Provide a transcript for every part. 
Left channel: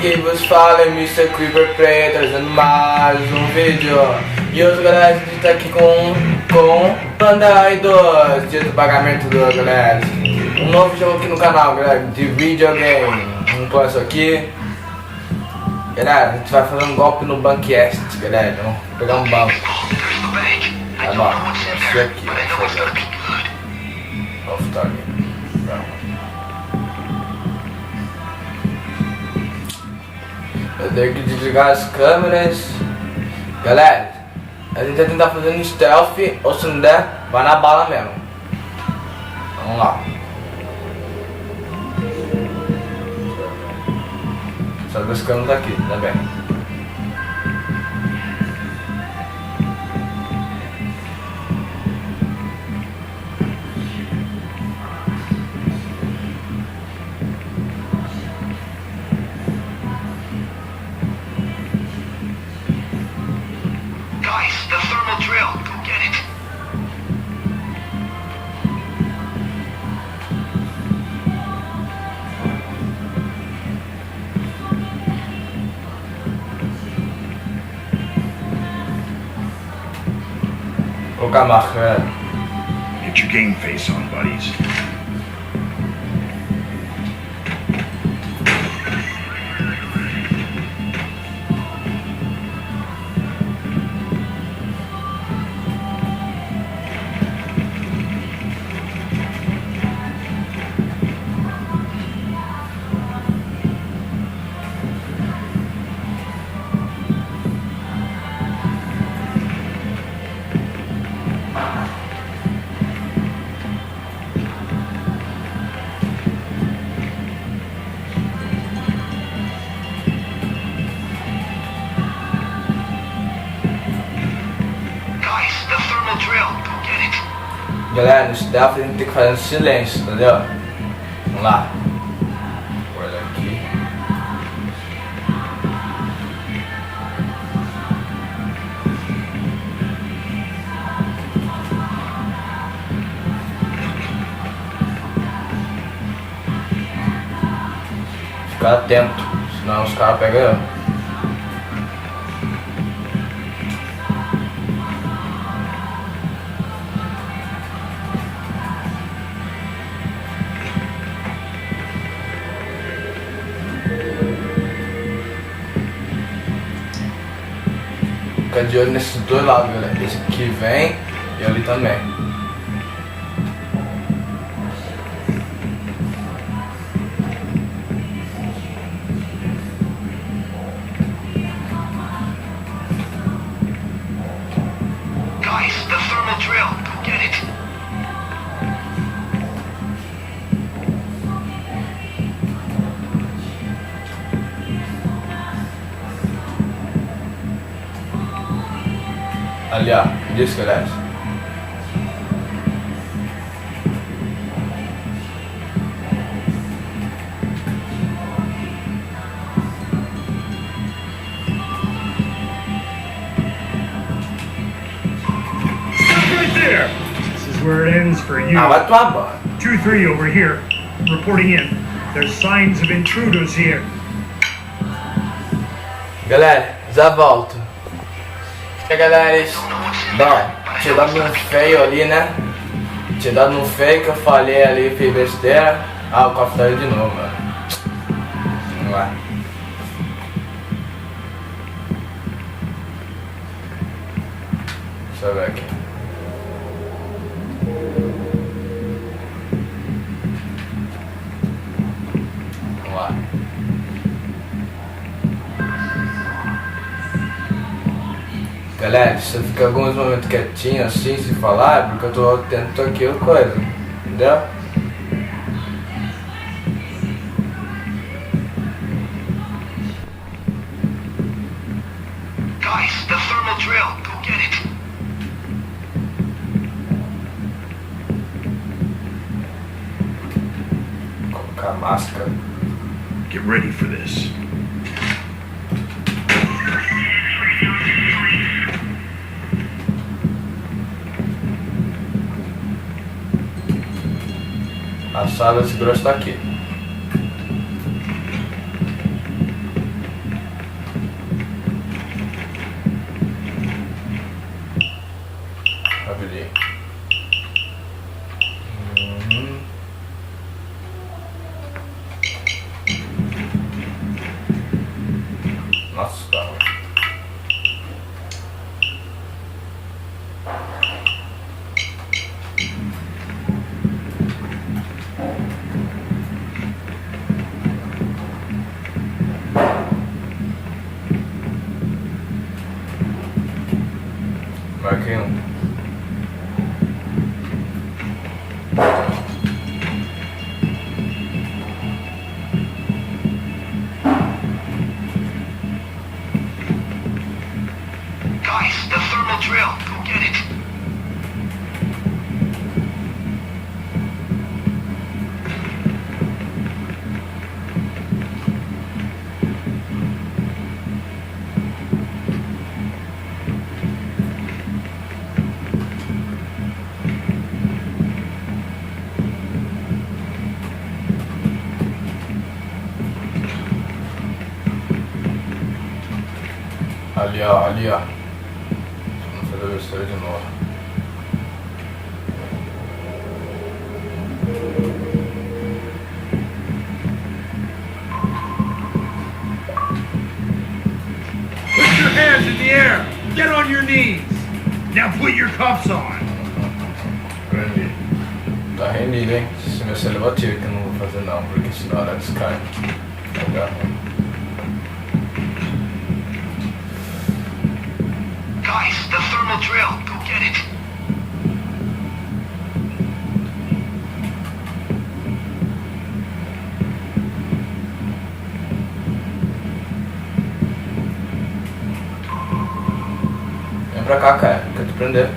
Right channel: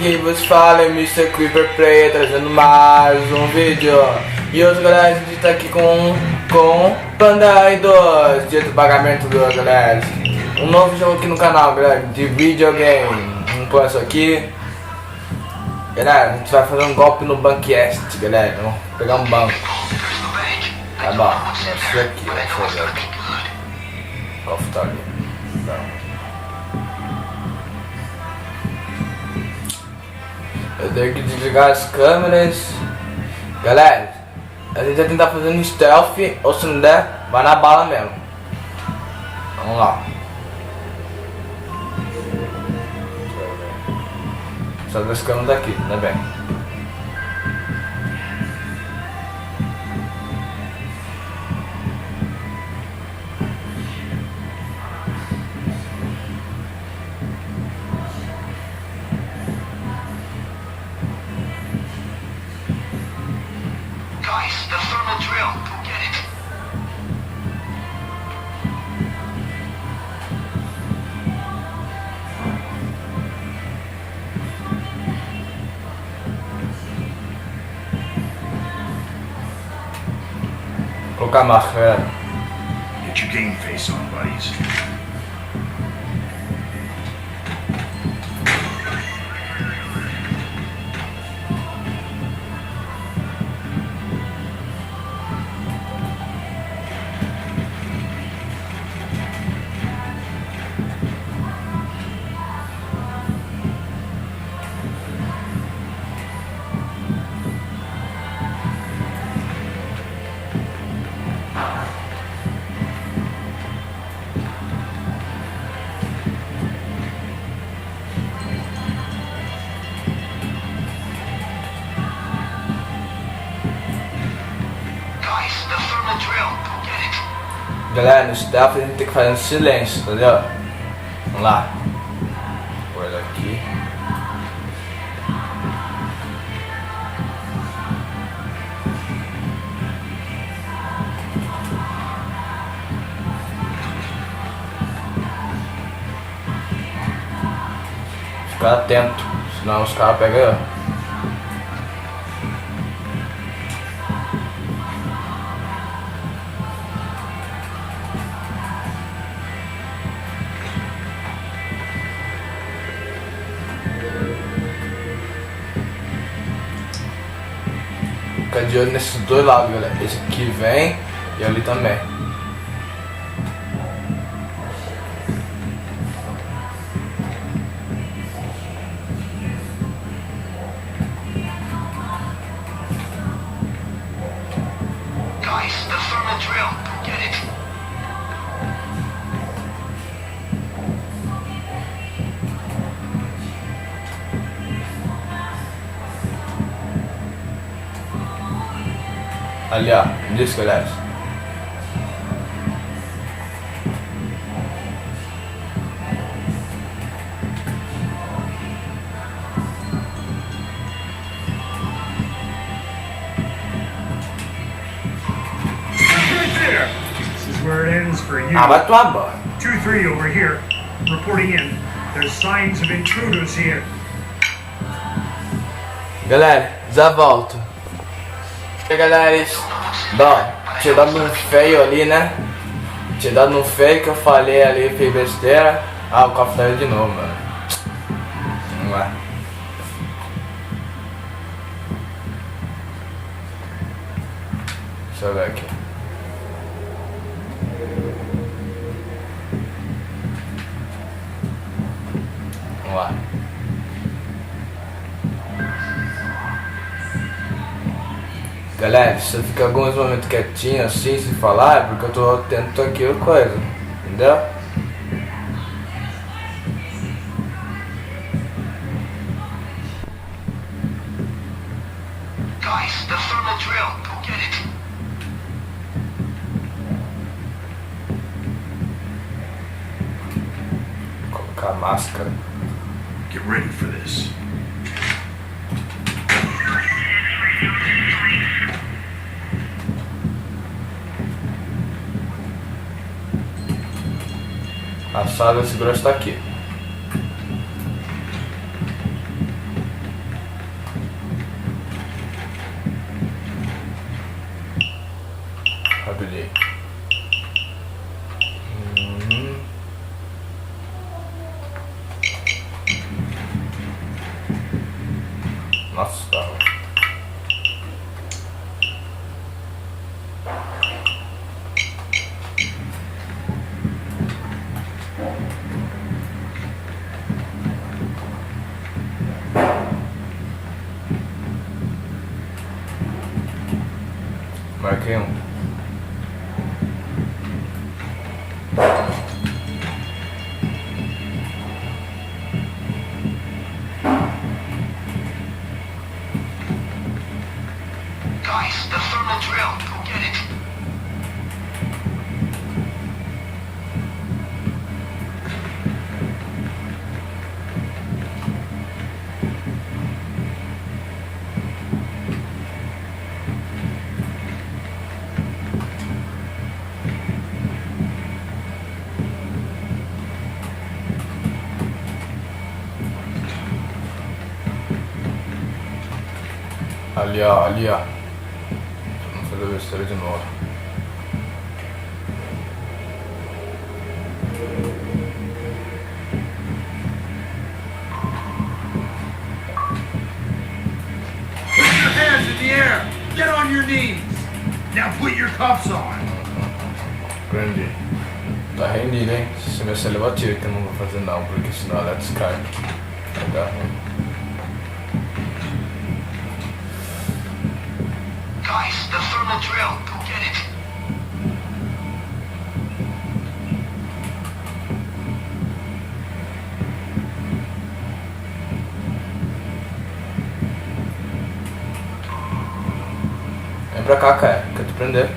que vos fala é SE-INSCREVAM trazendo mais um vídeo. E hoje, galera, a gente tá aqui com Payday 2, dia do pagamento do galera. Um novo jogo aqui no canal, galera, de videogame. Vamos pôr isso aqui. Galera, a gente vai fazer um golpe no banco Heist, galera. Vamos pegar um banco. Tá bom, isso aqui, vamos fazer aqui. Oficial. Eu tenho que desligar as câmeras. Galera, a gente vai tentar fazer um stealth, ou se não der, vai na bala mesmo. Vamos lá. Só duas câmeras aqui, tá bem. Colocar a máscara. Get your game face on, buddies. Galera, no stealth a gente tem que fazer um silêncio, entendeu? Vamos lá. Vou guardar aqui. Ficar atento, senão os caras pegam. Fica de olho nesses dois lados, galera. Esse aqui vem e ali também. Guys, the thermal drill. Go get it. Ali, ó, disso, galera. Right there. This is where it ends for you. Ah, vai tomar banho. 2-3 over here. Reporting in. There's signs of intruders here. Galera, já volto. E aí, galera, bom, tinha dado um feio ali, né? Tinha dado um feio que eu falei ali, fiz besteira. Ah, o copo saiu de novo, mano. Vamos lá. Deixa eu ver aqui. Vamos lá. Galera, se eu ficar alguns momentos quietinho assim, sem falar, é porque eu tô tentando aqui a coisa, entendeu? Guys, the thermal drill. Go get it. Colocar a máscara. Get ready for this. A sala de segurança está aqui. Ali, ó, ali, ó. Vamos fazer a terceira de novo. Put your hands in the air. Get on your knees. Now put your cuffs on. Prendi. Tá rendido, hein? Se não ser levativo, que eu não vou fazer não, porque senão ela descai. Legal. Guys, the thermal drill. Go get it. Vem pra cá, cara. Quer te prender?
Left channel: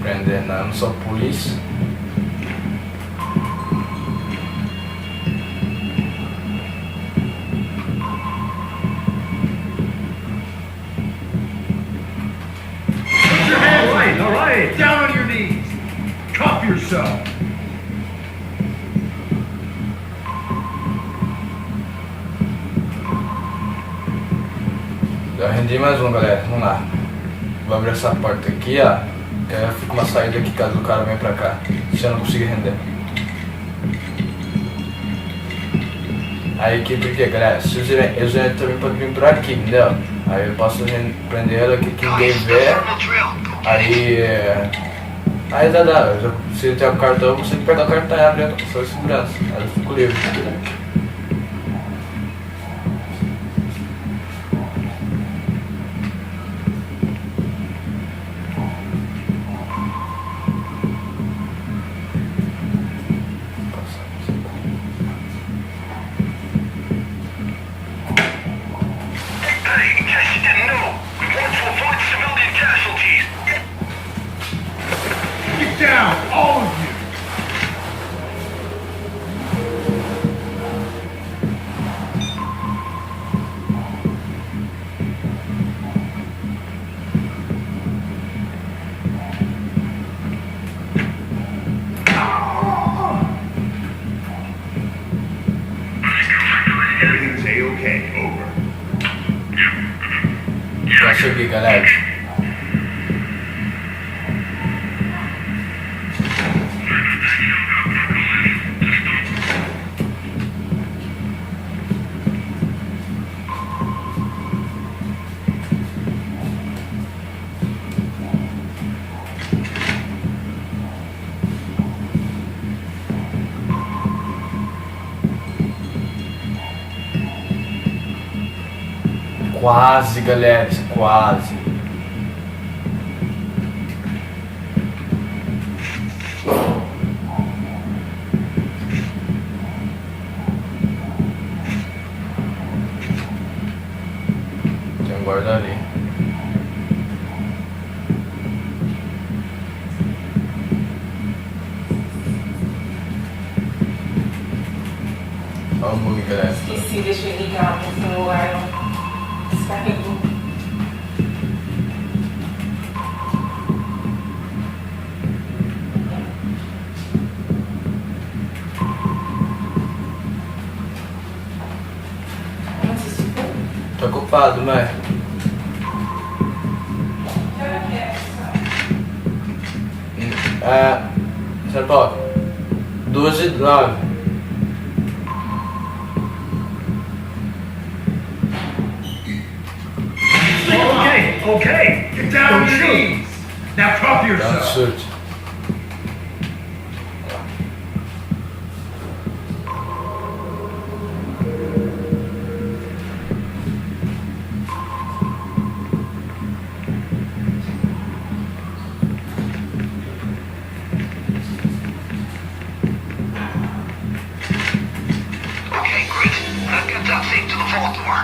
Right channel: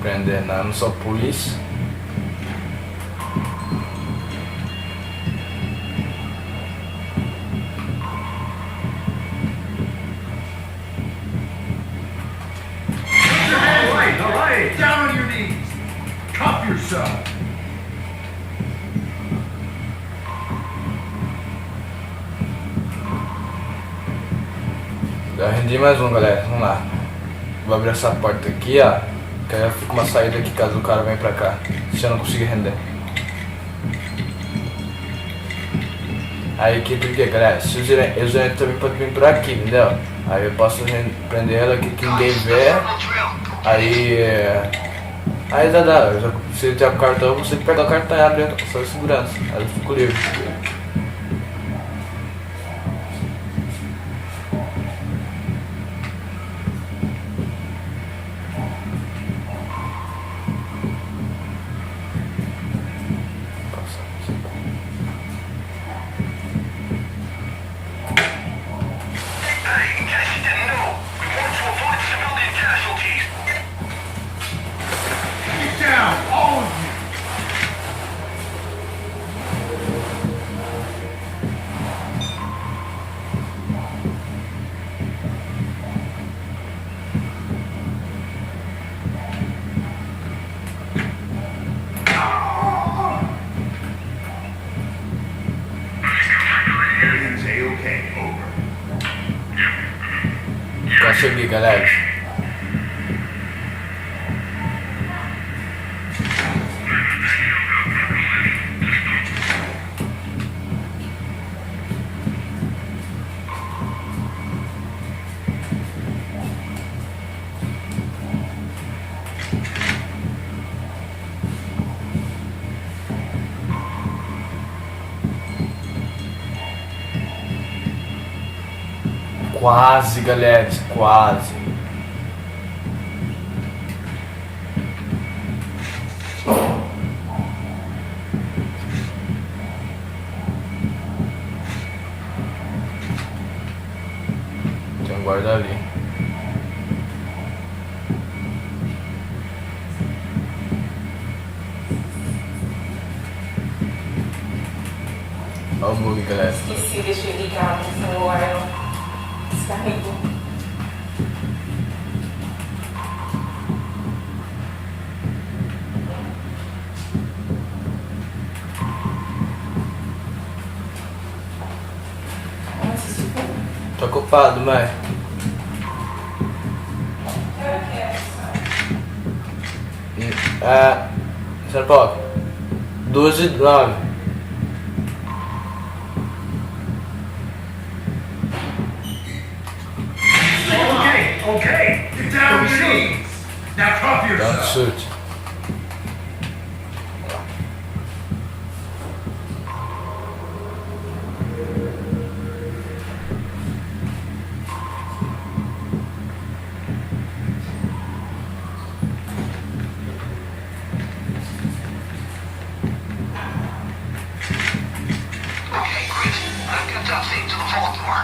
Prender, não sou polícia. Put your hands right. All right. Down on your knees. Cuff yourself. Já rendi mais um, galera. Vamos lá. Vou abrir essa porta aqui, ó. Que aí fica uma saída aqui caso o cara venha pra cá. Se eu não conseguir render. Aí que porque, galera, se eles já também podem vir por aqui, entendeu? Aí eu posso prender ela aqui, que ninguém vê. Aí dá. Se ele tiver o cartão, você pega o cartão e abre a sua segurança. Aí eu fico livre. Hey, in case you didn't know, we want to avoid civilian casualties. Get down, all of you. Everything's A-okay. Over. Consegui, galera. Quase, galera, quase. Tem um guarda ali. Olha o bug, galera. Esqueci, deixa eu ligar o celular. Descarregou. Tá ocupado, mãe. São Paulo. 12:09. Okay. Get down on your knees. Now cuff Don't yourself. shoot. Okay, great. I've got that thing to the vault door.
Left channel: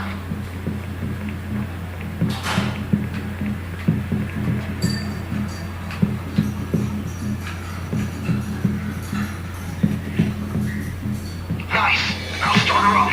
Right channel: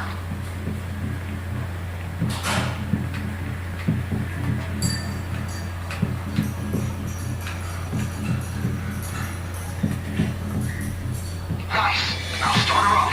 Nice. Now start her up.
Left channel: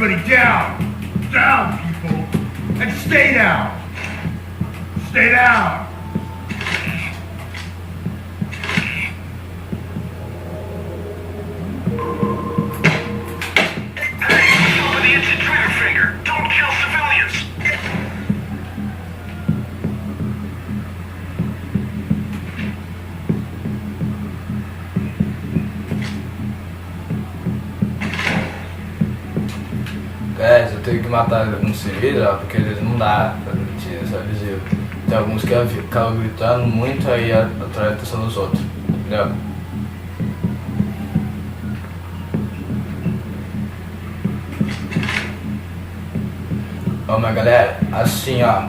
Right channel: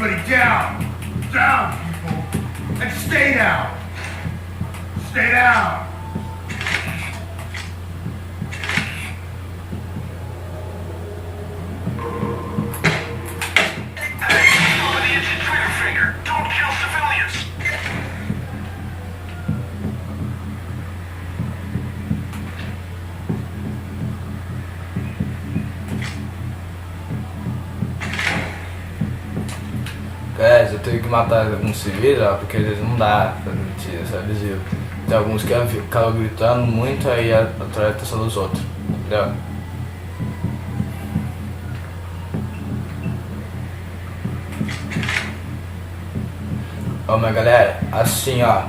Everybody down! Down, people! And stay down! Stay down! Hey, stop with the instant trigger finger. Don't kill civilians. Guys, eu tenho que matar alguns civis, ó, porque eles não dá pra mentir, sabe? Tem alguns que ficam gritando muito, aí atrai a atenção dos outros, entendeu? Ó, mas galera, assim ó,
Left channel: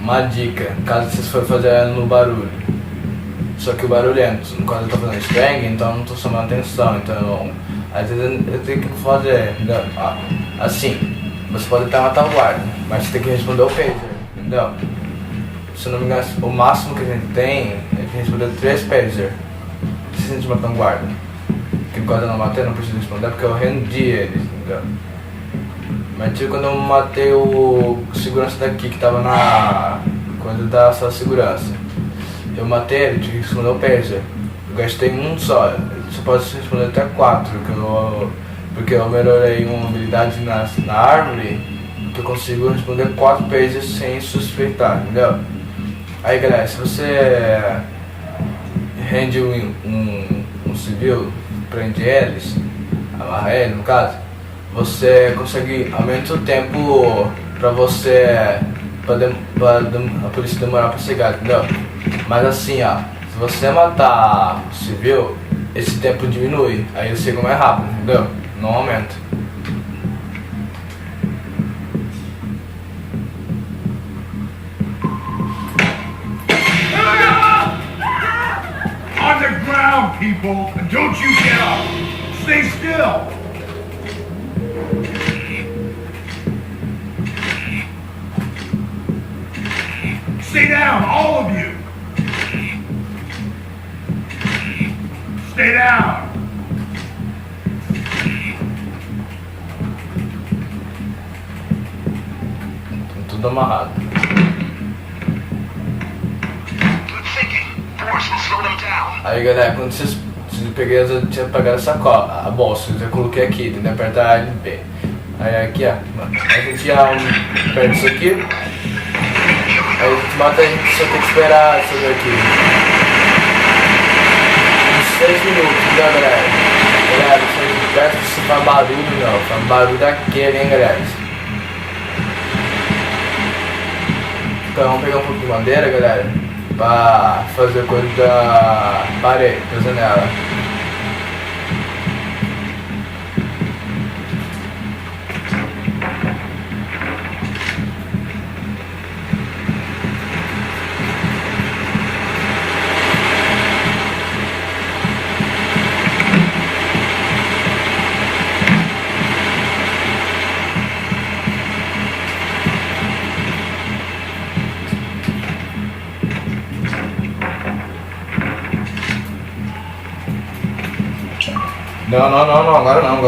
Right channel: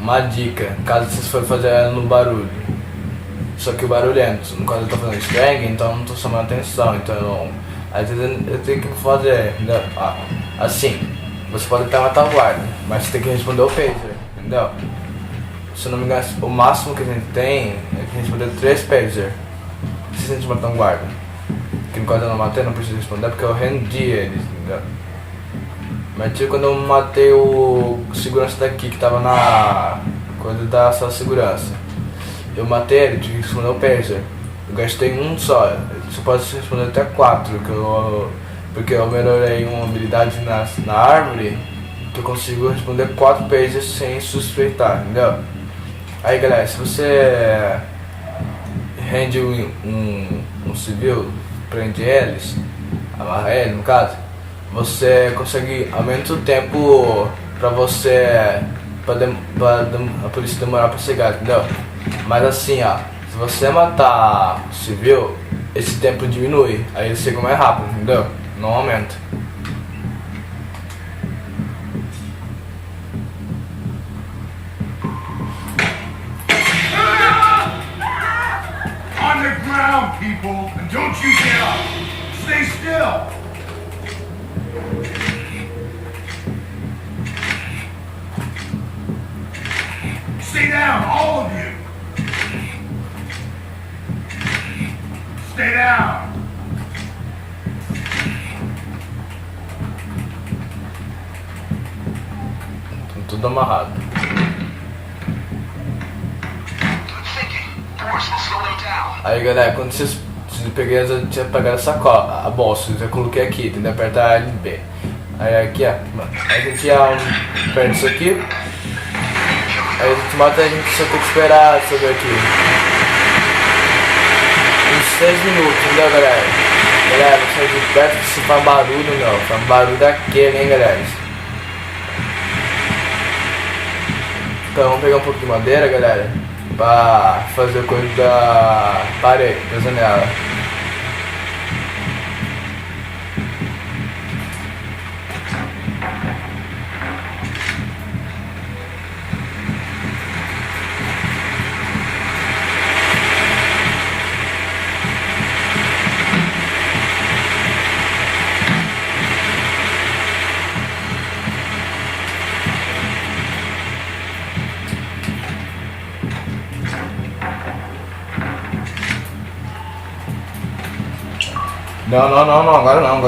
uma dica, caso vocês forem fazer no barulho, só que o barulhento, quando eu tô fazendo string, então eu não tô chamando atenção, então às vezes eu tenho que fazer, entendeu? Ó, assim, você pode estar na retaguarda, mas você tem que responder o pager, entendeu? Se eu não me engano, o máximo que a gente tem é que responder 3 pager. Se a gente matar um guarda, que quando eu não matei, eu não preciso responder porque eu rendi eles, entendeu? Mas tipo, quando eu matei o segurança daqui, que tava na coisa da sala de segurança, eu matei ele, tive que responder o pager. Eu gastei um só, você pode responder até 4, porque eu melhorei uma habilidade na árvore, que eu consigo responder 4 pagers sem suspeitar, entendeu? Aí galera, se você rende um civil, prende eles, amarra ele no caso, você consegue aumentar o tempo pra você, pra a polícia demorar pra chegar, entendeu? Mas assim ó, se você matar o civil, esse tempo diminui, aí eles chegam mais rápido, entendeu? Não aumenta. On the ground, people! And don't you get up! Stay still! Stay down, all of you! Stay down! Estão tudo amarrado. Aí galera, quando vocês peguei, eu tinha pegado a bolsa, eu já coloquei aqui, entendeu? Apertar A e B. Aí aqui ó, a gente já perde isso aqui. Aí a gente mata, a gente só tem que esperar isso daqui. Uns 3 minutos, entendeu galera? Galera, não presta isso pra barulho não, pra barulho daquele, hein galera? Então vamos pegar um pouco de madeira, galera, pra fazer coisa da parede, da janela. Não, agora não.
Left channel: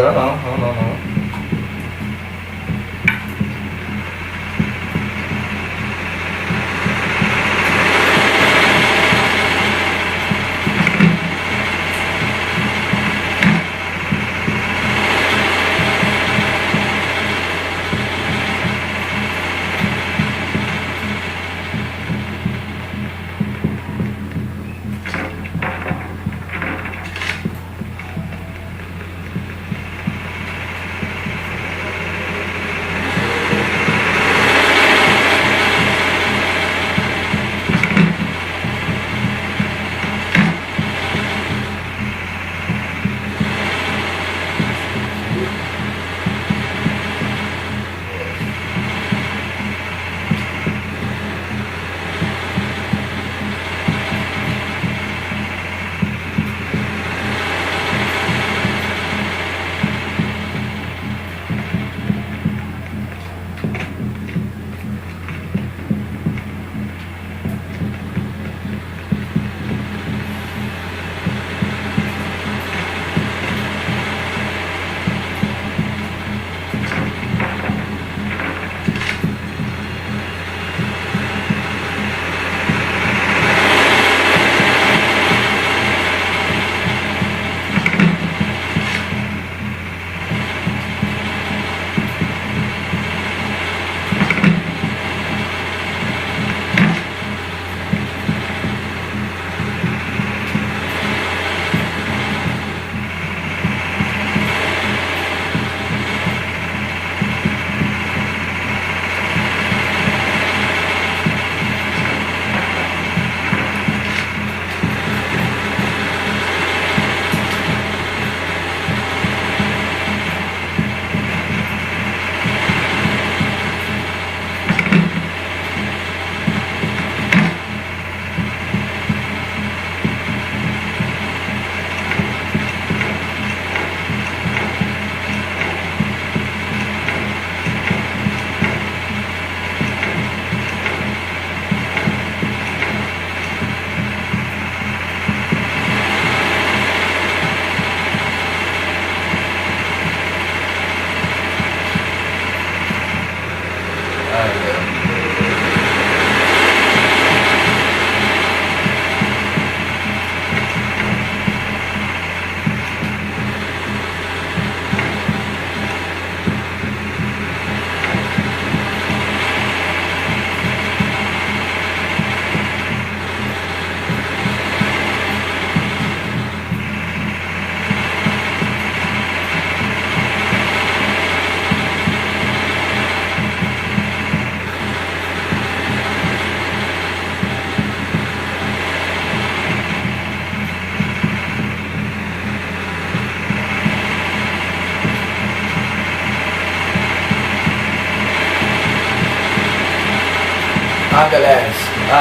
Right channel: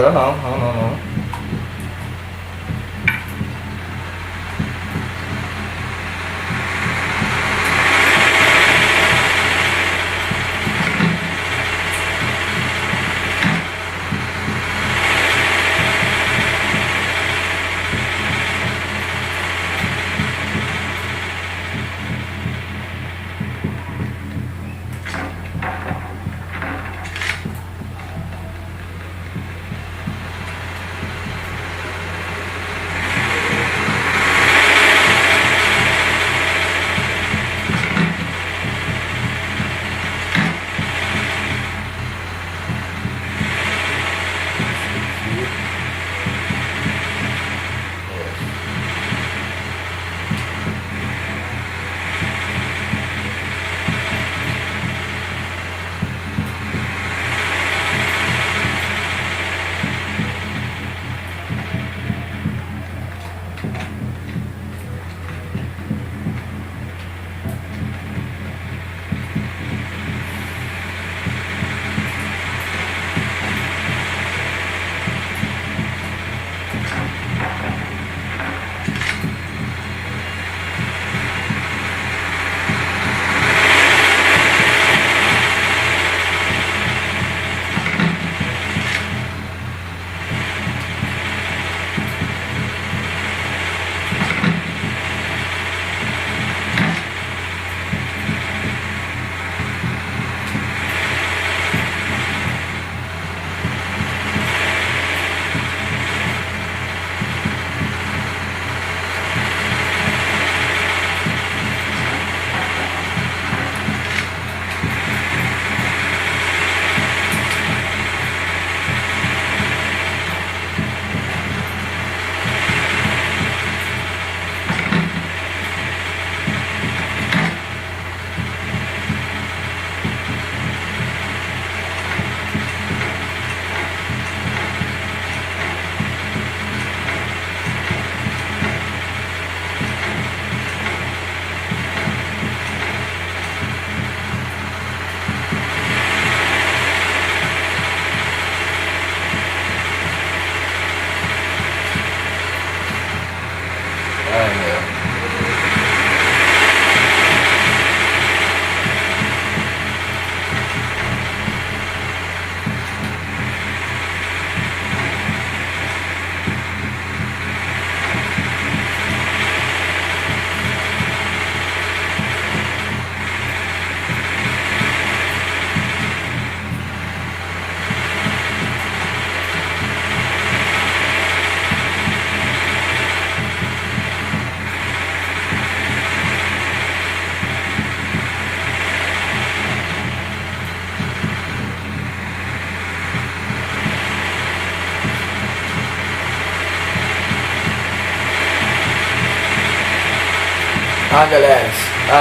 Ah, galera,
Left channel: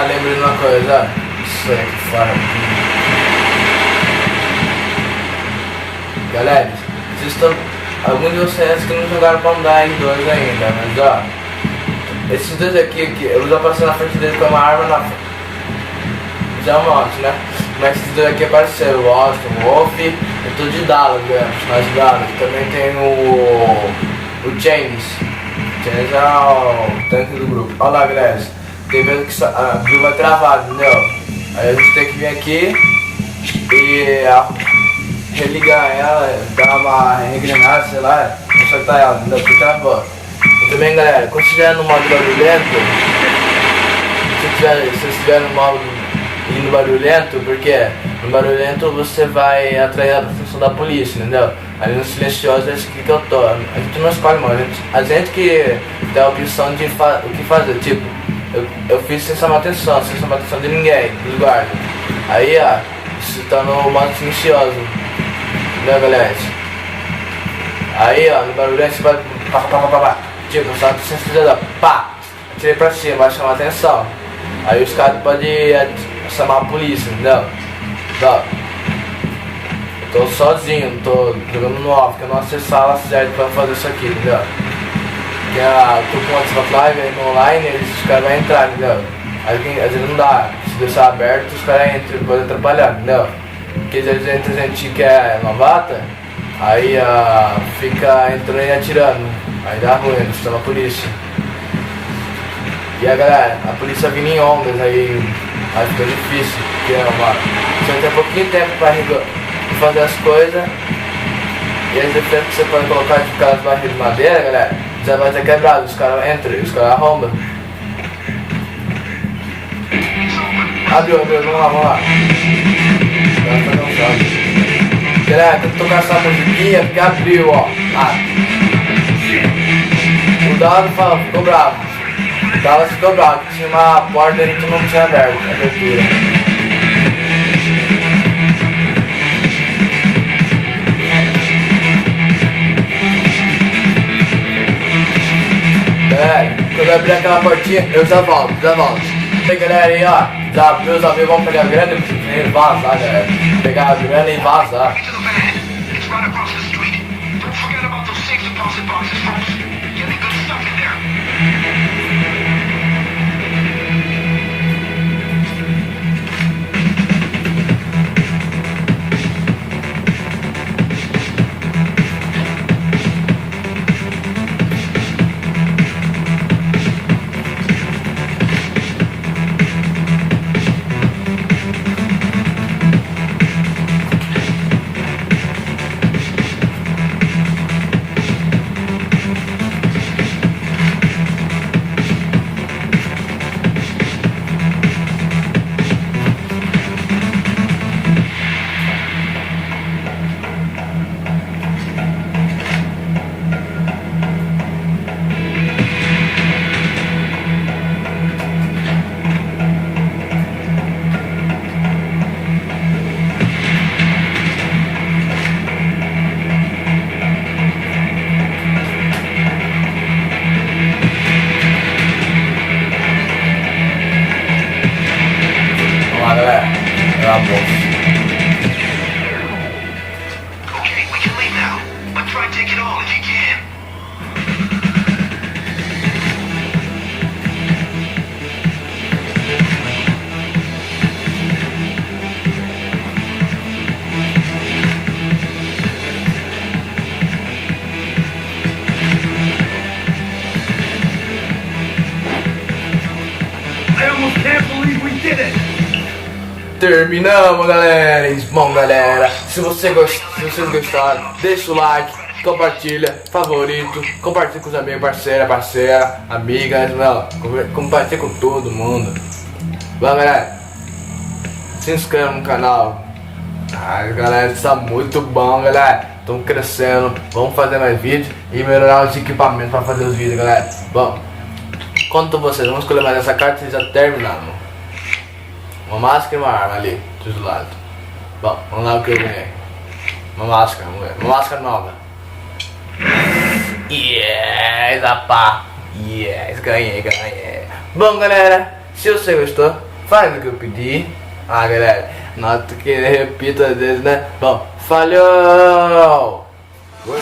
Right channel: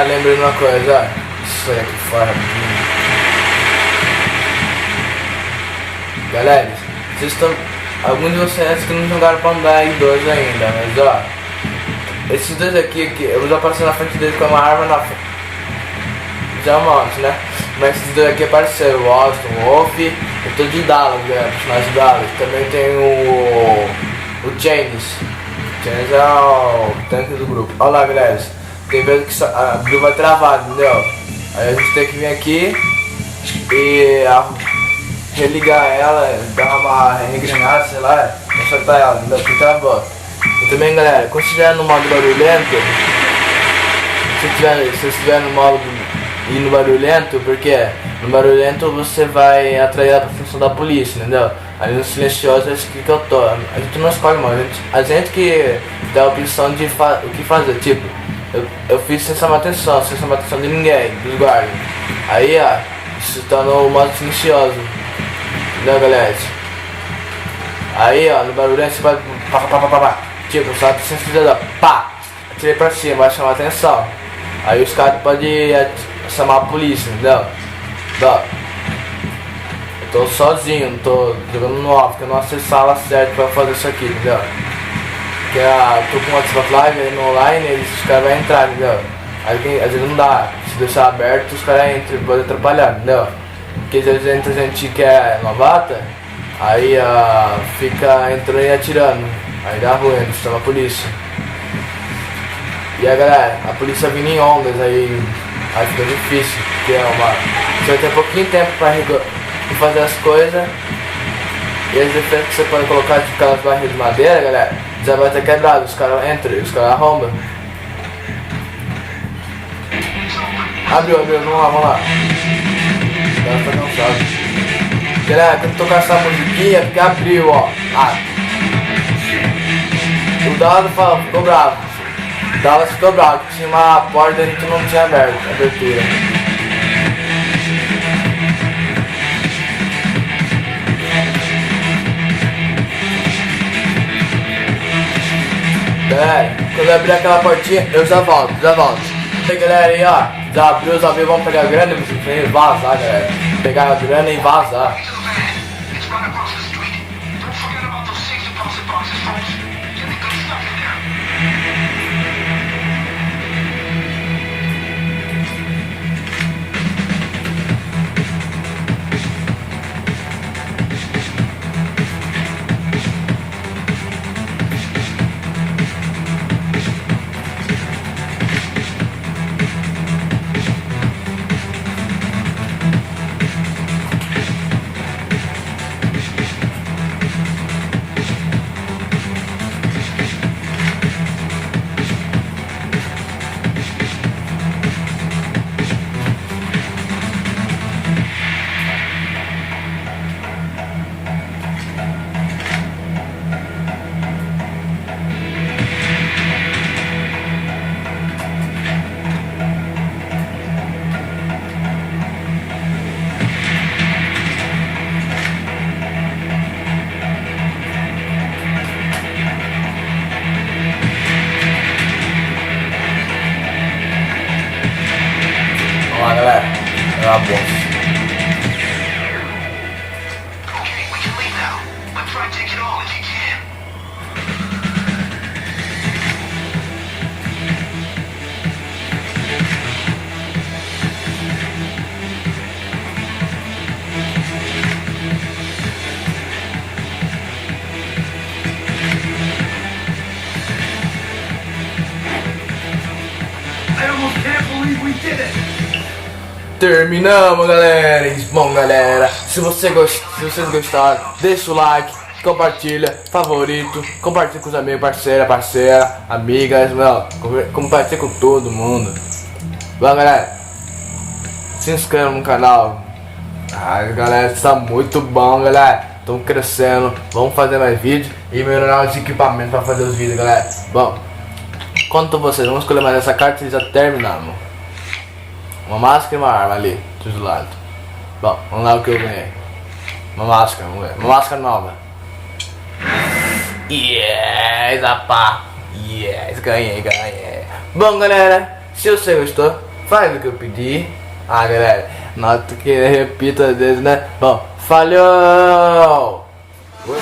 lembrei de uma coisa, isso aqui fora. Galera, vocês estão. Alguns de vocês que não jogaram Payday 2 ainda, mas ó. Esses dois aqui, eu já passei na frente dele com uma arma na frente. Já é um monte, né? Mas esses dois aqui é parceiro, o Austin, o Wolf, eu tô de Dallas, né? Mais de Dallas. Também tem o James. James é o tanque do grupo. Olha lá, galera. Tem vezes que a grupo vai travar, entendeu? Aí a gente tem que vir aqui e religar ela, dar uma regrenada, sei lá, consertar ela, entendeu? Porque travou. E também, galera, quando estiver no modo barulhento, se estiver no modo barulhento, porque no barulhento você vai atrair a atenção da polícia, entendeu? Ali no silencioso é esse aqui que eu tô. A gente não escolhe, mano. A gente que dá a opção de o que fazer. Tipo, eu fiz sem chamar atenção de ninguém, dos guardas. Aí, ó, você tá no modo silencioso, entendeu, galera? Aí, ó, no barulhento você vai pá. Tipo, só que você precisa pá, atirei pra cima, vai chamar atenção. Aí os caras podem chamar a polícia, entendeu? Eu tô sozinho, não tô jogando no off, que eu não acessei a sala certa pra fazer isso aqui, entendeu? Porque eu tô com o WhatsApp Live aí no online, os caras vão entrar, entendeu? Às vezes não dá, se deixar aberto os caras entram, podem atrapalhar, entendeu? Porque às vezes entra gente que é novata, aí fica entrando e atirando, aí dá ruim, chama a polícia. E a galera, a polícia vindo em ondas aí fica difícil, porque você tem pouquinho tempo pra fazer as coisas. E as defesas que você pode colocar de aquelas barras de madeira, galera, já vai ter quebrado, os caras entram, os caras arrombam. Abriu, vamos lá. Os caras tá cansado. Galera, quando tocar essa musiquinha, porque abriu, ó. O dado ficou bravo. Dallas ficou bravo, que tinha uma porta ali que não tinha abertura. Galera, quando eu abrir aquela portinha, eu já volto. Aí, galera, aí, ó, já abriu, vamos pegar a grana e vazar, galera. Pegar a grana e vazar. Galera, é uma bosta. Okay, we can leave now, but try to take it all if you can. I almost can't believe we did it! Terminamos, galera. Bom, galera, se vocês gostaram, deixa o like, compartilha, favorito, compartilha com os amigos, parceira, amigas, não, compartilha com todo mundo. Bom, galera, se inscreva no canal. Galera, está muito bom, galera. Estamos crescendo, vamos fazer mais vídeos e melhorar os equipamentos para fazer os vídeos, galera. Bom, quanto a vocês, vamos escolher mais essa carta e já terminamos. Uma máscara e uma arma ali, dos lados. Bom, vamos lá o que eu ganhei. Uma máscara, vamos ver. Uma máscara nova. Yes, rapá. Yes, ganhei. Bom, galera, Se você gostou, faz o que eu pedi. Ah, galera, nota que eu repito às vezes, né? Bom, falhou! Oi.